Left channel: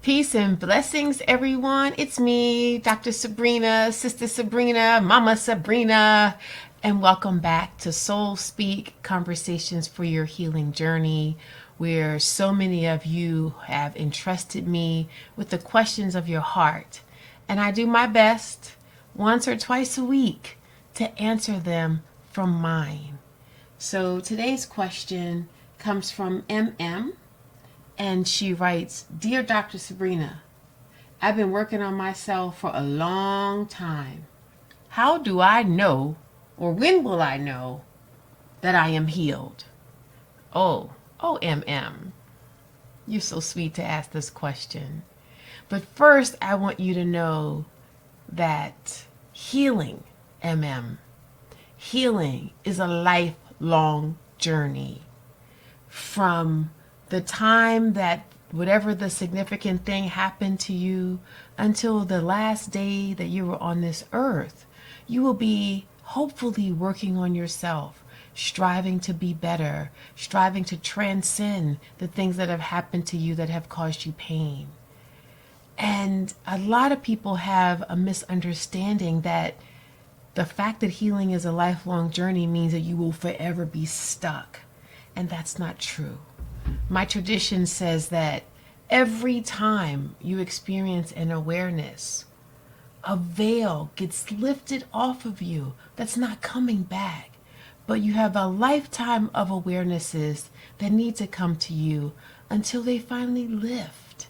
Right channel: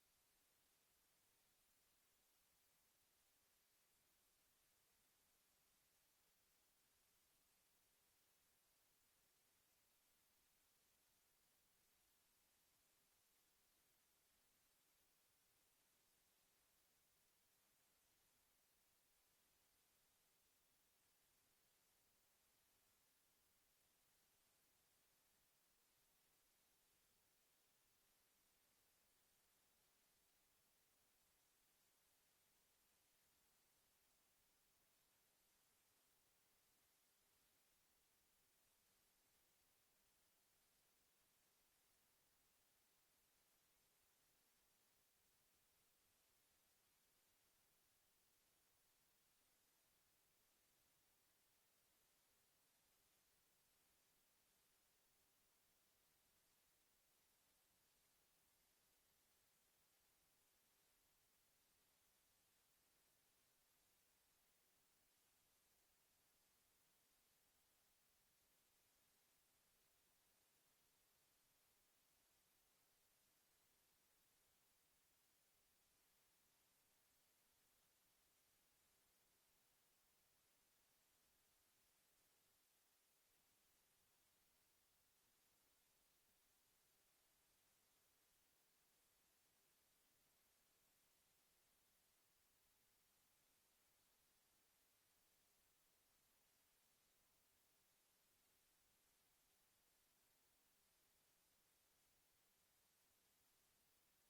Peace and blessings, everyone. It's me, Dr. Sabrina, Sister Sabrina, Mama Sabrina, and welcome back to Soul Speak Conversations for Your Healing Journey, where so many of you have entrusted me with the questions of your heart. And I do my best once or twice a week to answer them from mine. So today's question comes from MM. And she writes, Dear Dr. Sabrina, I've been working on myself for a long time. How do I know, or when will I know, that I am healed? Oh, MM, you're so sweet to ask this question. But first, I want you to know that healing, healing is a lifelong journey. From the time that whatever the significant thing happened to you until the last day that you were on this earth, you will be hopefully working on yourself, striving to be better, striving to transcend the things that have happened to you that have caused you pain. And a lot of people have a misunderstanding that the fact that healing is a lifelong journey means that you will forever be stuck. And that's not true. My tradition says that every time you experience an awareness, a veil gets lifted off of you that's not coming back. But you have a lifetime of awarenesses that need to come to you until they finally lift.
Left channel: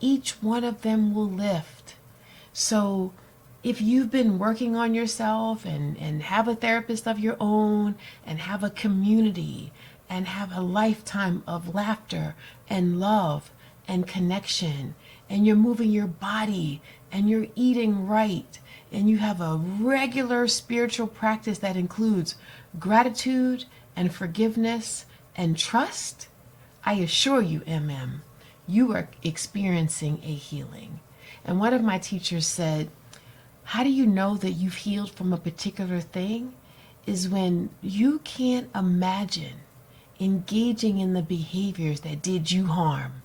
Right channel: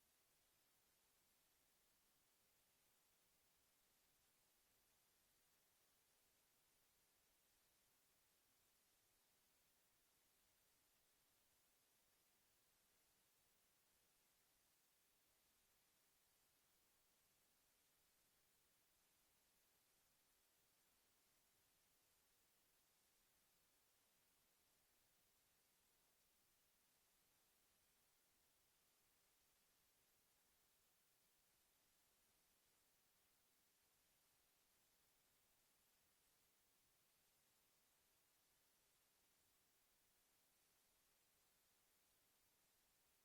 Each one of them will lift. So if you've been working on yourself and have a therapist of your own and have a community and have a lifetime of laughter and love and connection, and you're moving your body and you're eating right, and you have a regular spiritual practice that includes gratitude and forgiveness and trust, I assure you, you are experiencing a healing. And one of my teachers said, how do you know that you've healed from a particular thing? Is when you can't imagine engaging in the behaviors that did you harm.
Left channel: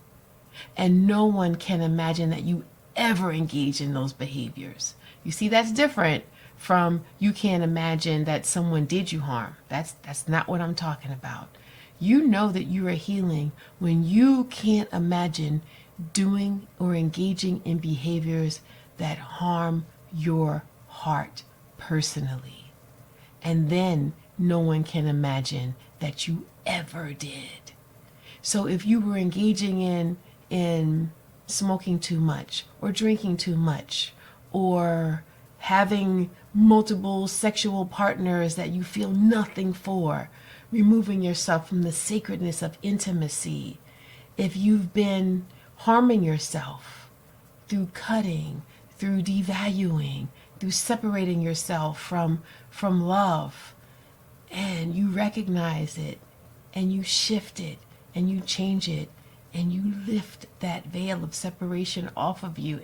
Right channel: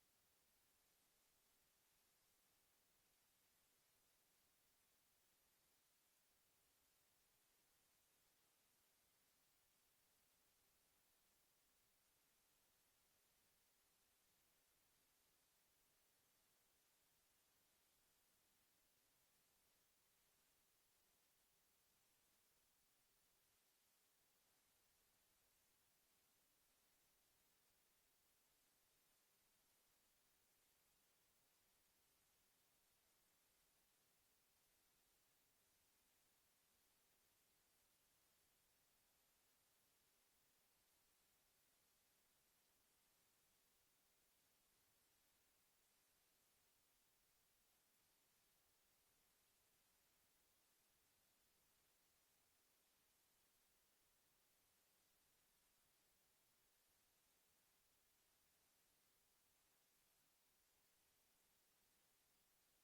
And no one can imagine that you ever engage in those behaviors. You see, that's different from you can't imagine that someone did you harm. That's not what I'm talking about. You know that you are healing when you can't imagine doing or engaging in behaviors that harm your heart personally. And then no one can imagine that you ever did. So if you were engaging in smoking too much or drinking too much or having multiple sexual partners that you feel nothing for, removing yourself from the sacredness of intimacy, if you've been harming yourself through cutting, through devaluing, through separating yourself from love, and you recognize it, and you shift it, and you change it, and you lift that veil of separation off of you,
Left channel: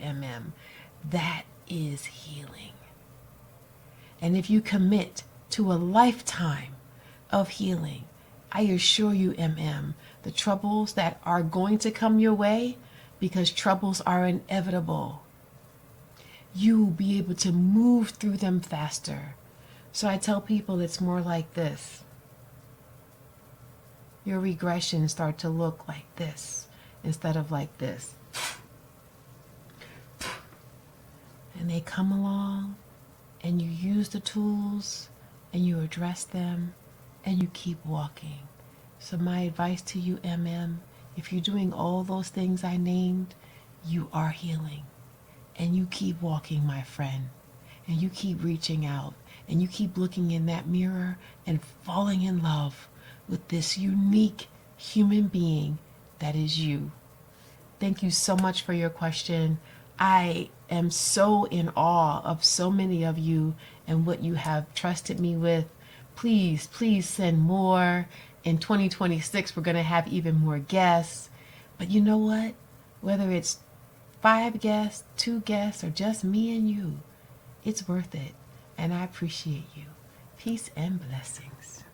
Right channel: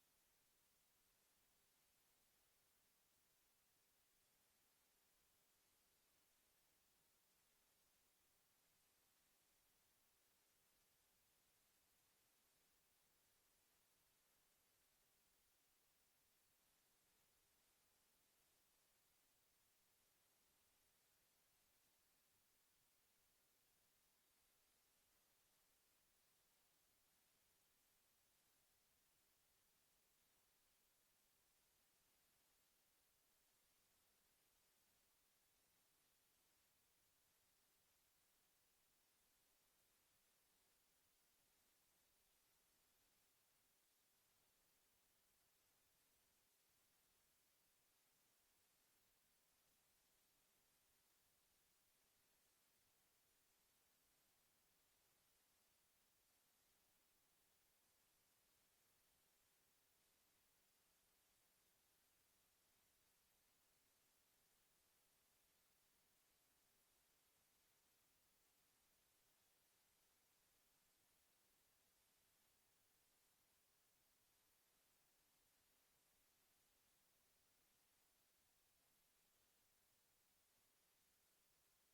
that is healing. And if you commit to a lifetime of healing, I assure you, the troubles that are going to come your way, because troubles are inevitable, you will be able to move through them faster. So I tell people it's more like this. Your regressions start to look like this instead of like this. And they come along and you use the tools and you address them and you keep walking. So my advice to you, if you're doing all those things I named, you are healing. And you keep walking, my friend. And you keep reaching out. And you keep looking in that mirror and falling in love with this unique human being that is you. Thank you so much for your question. I am so in awe of so many of you and what you have trusted me with. Please, please send more. In 2026, we're going to have even more guests. But you know what? Whether it's 5 guests, 2 guests, or just me and you, it's worth it. And I appreciate you. Peace and blessings.